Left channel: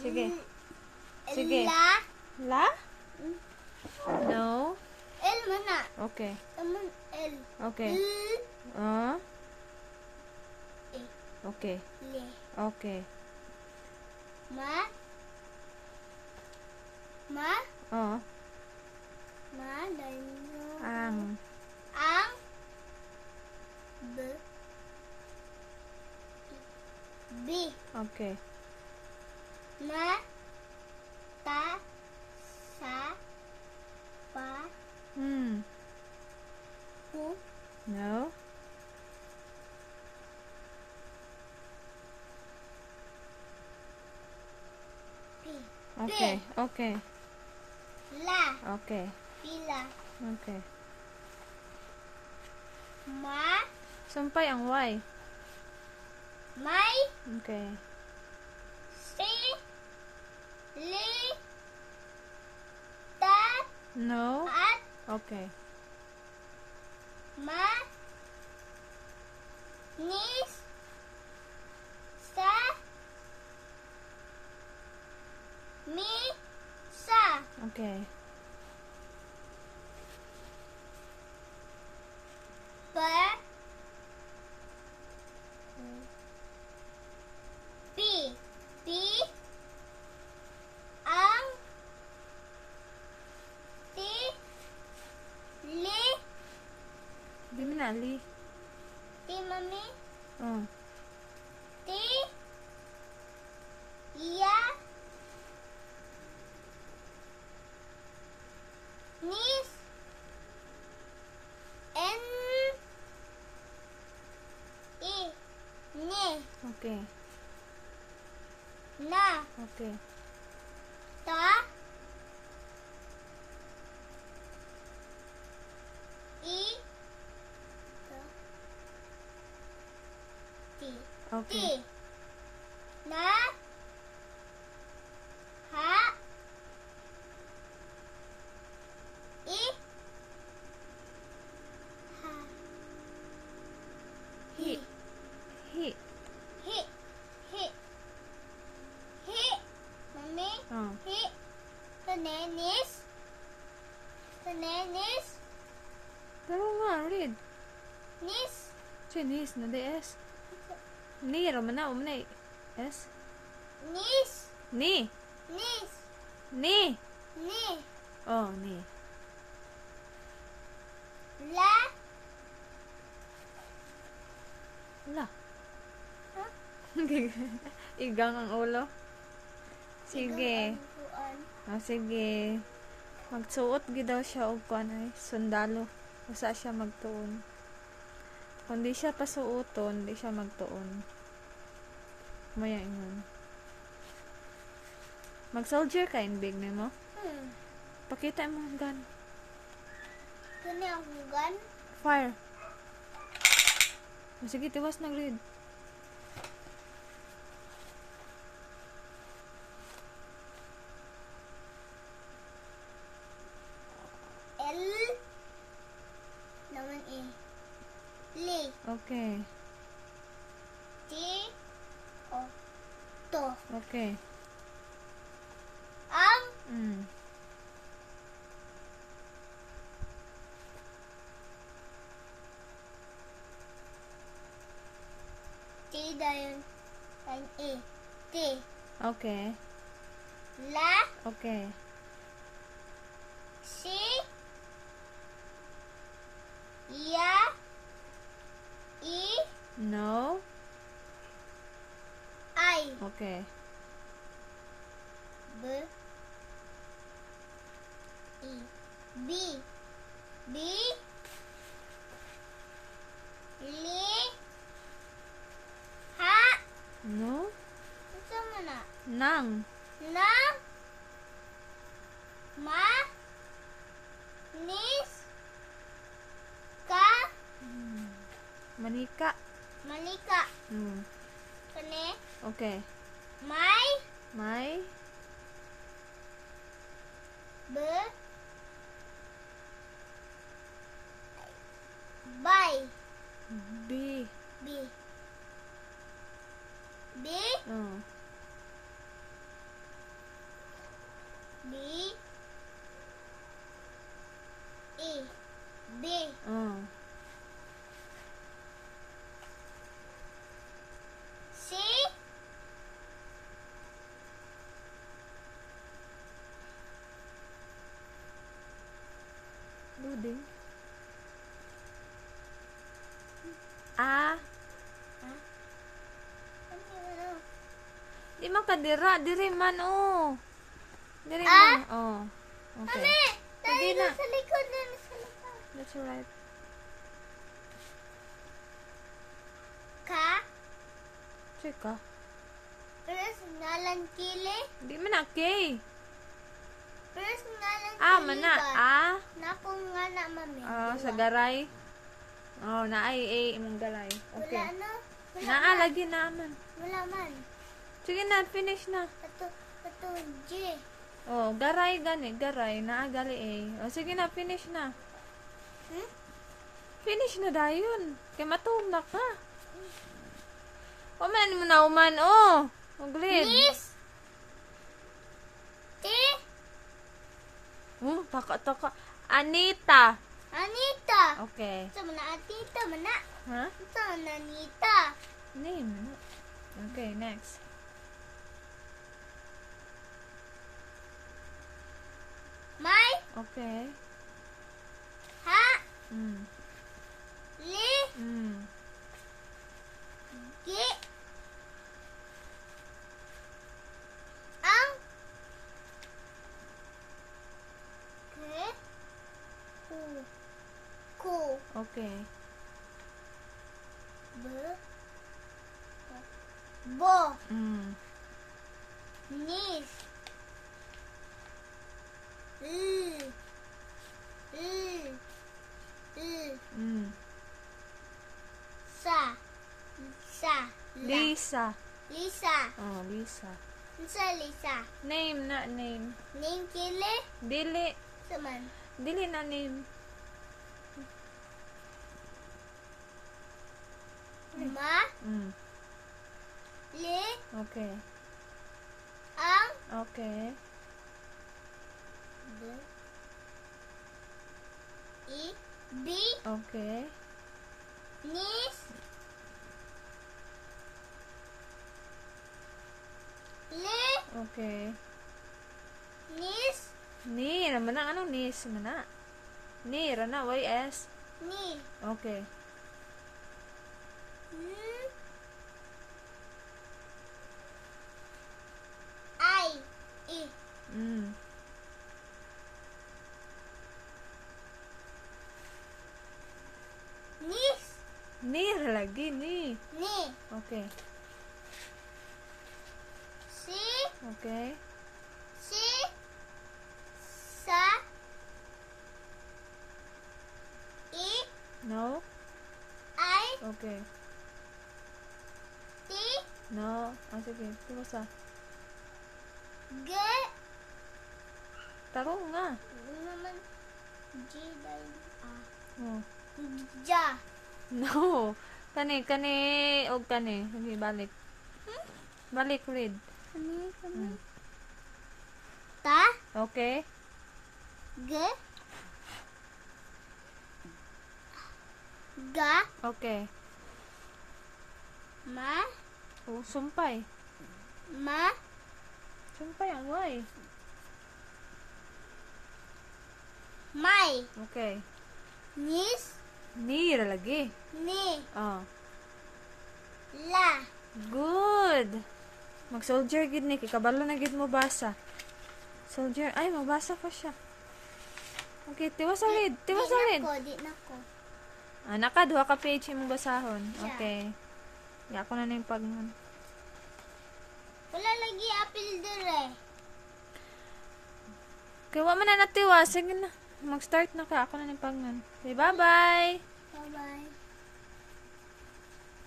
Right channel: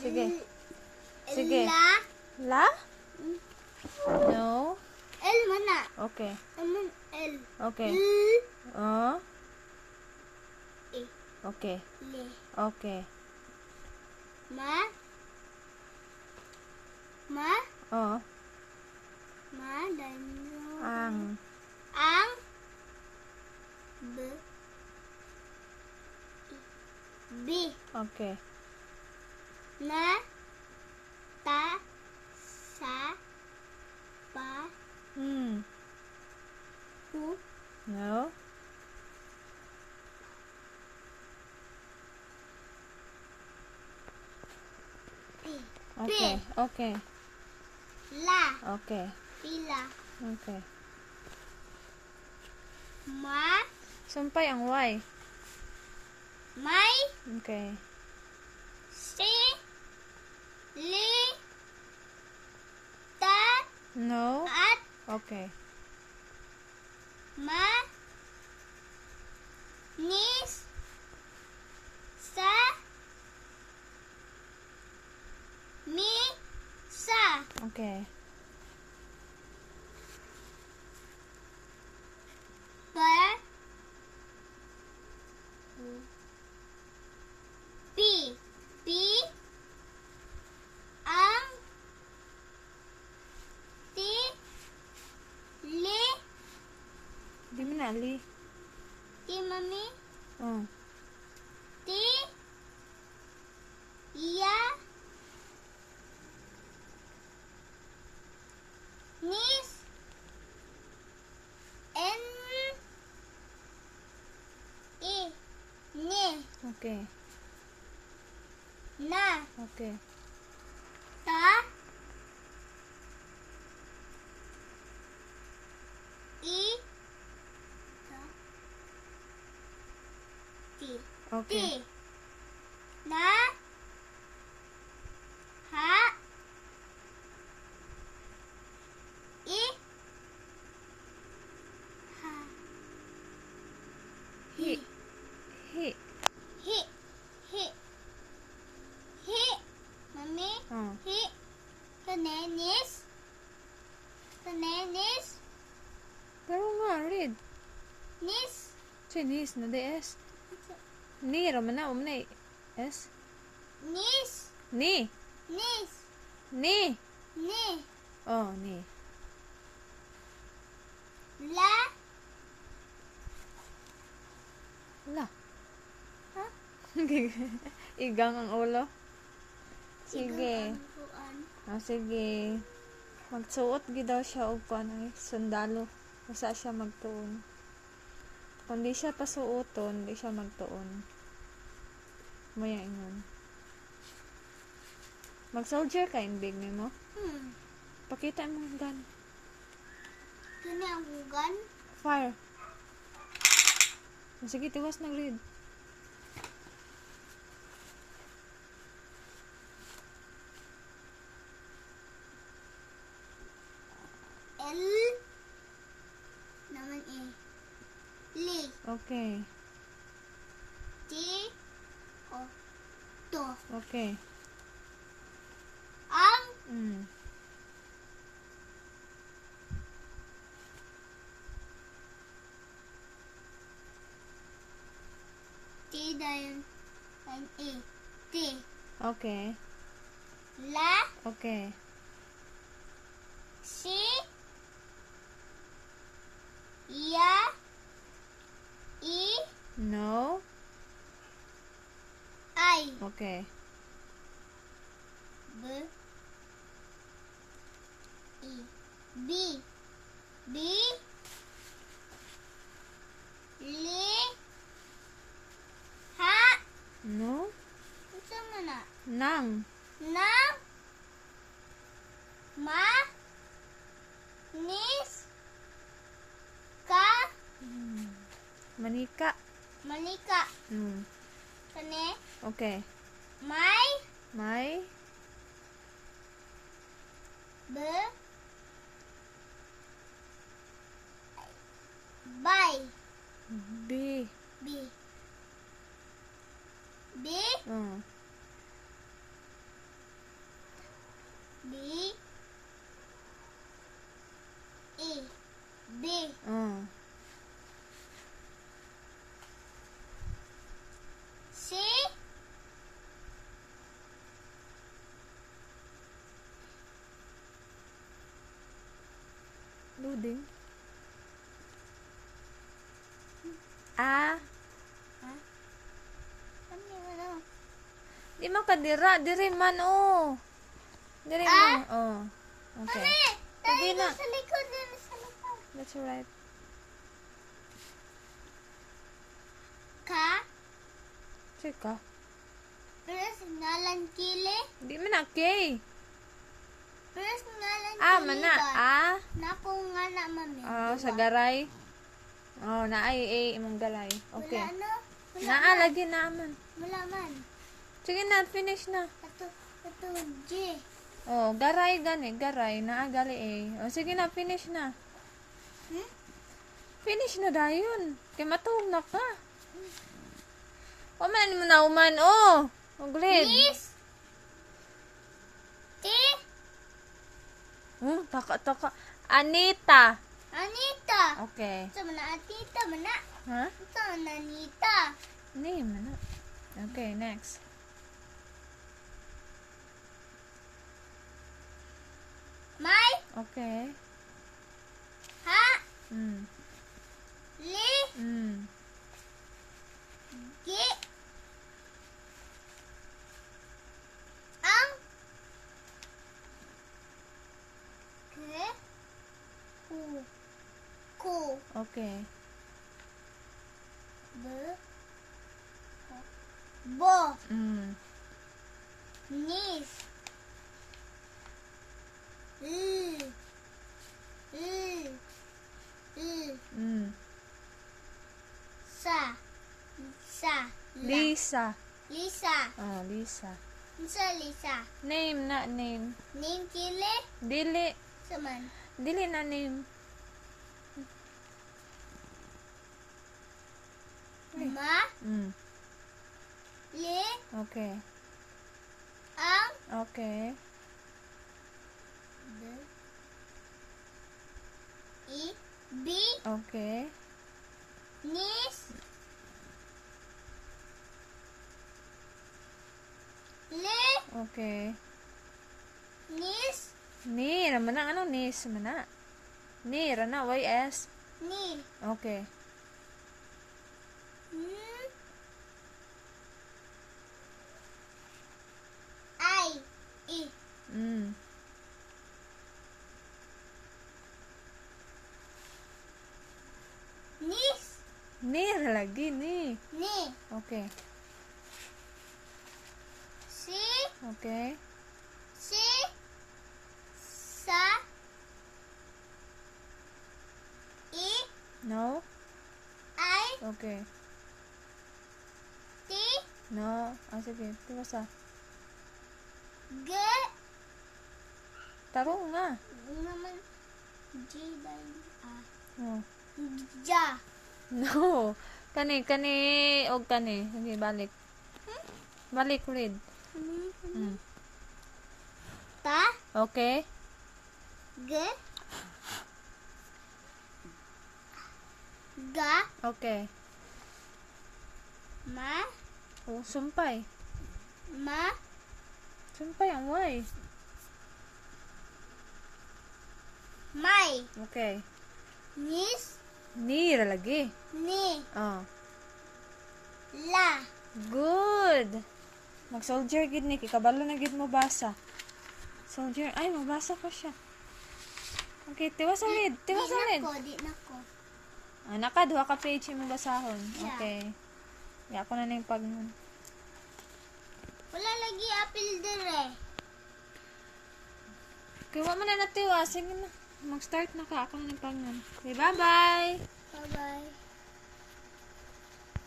Sige. Sige. La? No. L mana? Okay. L. Okay. E. Okay. Le. Okay. Ma. Oh. Ang. Ang. B. Okay. Ma. Ta. Sa. Pa. Pu. No. P. Okay. Okay. La. Okay. Ila. Okay. Ma. Sumpay ang Y. May. Okay. Si. Li. Ta. No. At. Okay. Ma. Nis. Sa. Mi. Sa. Okay. Per. P. P. Ang. Ti. Li. Di mo na, Ali. Ti mami. Ti. Ya. Nis. N. I. Ni. Okay. Na. Okay. Ta. I. Ta. Ti. Okay. Ti. Na. Ha. I. Ha. Hi. Hi. Hi. Hi. Hi. Mami. Oh. Hi. Kanenis. Kanenis. Pero nga, read. Nis. Chinese na di S. Ni, Romana, umna S. Nis. Ni. Nis. Ni. Ni. Oh, ni. La. Wala. Ha? Igang ang ulo. Sige. Igang Oh, sige. Magsuot gid daw siya og kuan ay sundalo. Usa siya magtuon. Kung di siya pasuoton, di siya magtuon. Maya ingon. Mag-soldier ka in big nimo. Pakita mo ang gun. Kani ang hugan. Fire. Oh, sige, tiwas nag-read. L. Naman E. Li. Okay. T. O. To. Okay. Ang. T dahil E. T. Okay. La. Okay. Si. Ya. I. No. I. Okay. B. I. B. B. Li. Ha. No. Unsa man na? Nang. Na. Ma. Nis. Ka. Manika. Manika. Kani. Okay. May. May. B. Bay. B. B. B. Di man ka dira. Diri man, oh. Diri man. Oh. Okay. Sige na. Sa likod din, sa likod. That's right. Ka? Chika. First ngalan kili. Di man na, Kay. First ngalan Ah, kili mana. ba? Ah. Nako nga na, mami. Oh, sa garay. Oh, naay imong galay. Okay. Wala na. Naa lagi naman. Wala man. Sige na, finish na. Ito, J. Oh, garay gani, garay naa gali Oh, sige na, finish na. Hmm? Finish na dayon. Kay matuog na ka. O man mo na uman, oh. Uglid. Miss. T. Taka. Anita. Anita. Okay. Sa mana Anita, mana. Ha? Sa mana Anita. Name, ano? Okay, next. May. Okay. Ha. Mm. Li. Mm. Gi. Ang. Ke. Ku. Ku. Okay. Be. Bo. Mm. Nis. Mm. Sa. La. Lisa. Lisa. Oh, Lisa. Sa Lisa. Name na name. Ning kili. Dili. Saman. Dili na name. Ma. Mm. Li. Okay. Ang. Okay. B. I. B. Okay. Nis. Li. Okay. Nis. Ni, naman na ano ni, mana. Ni, rana, YS. Ni. Okay. I. I. Mm. Nis. Ni, lagi, ni. Ni. Okay. Si. Okay. Si. Sa. I. No? I. Okay. Ti. No. Ah, sige. Tiba sa. G. Tarong nga. Naman. G. Dahil. Oh. Ja. No. Kani, og kani. Okay, balik. Balik, read. Mm. Ta. Okay. G. Ga. Okay. Ma. Oh, sumpay. Ma. Sumpay ang Y. May. Okay. Nis. Ni, lagi. Ni. Oh. La. Good. Mag-soldier gid ni. Kabalo na gid mo basa. Soldier. Ay, mabasa pa siya. Okay, tiwa sa read. Tiwa sa read. Di na ko. Naka, duha ka page yung basahon. Yeah. Okay. Ya ko na na yung pagnon. Wala lagi apil dire. Okay, wa man na natiwa. Sige na. Mag-start na ka. Ako na ng pagnon. Okay, bye-bye. Bye-bye.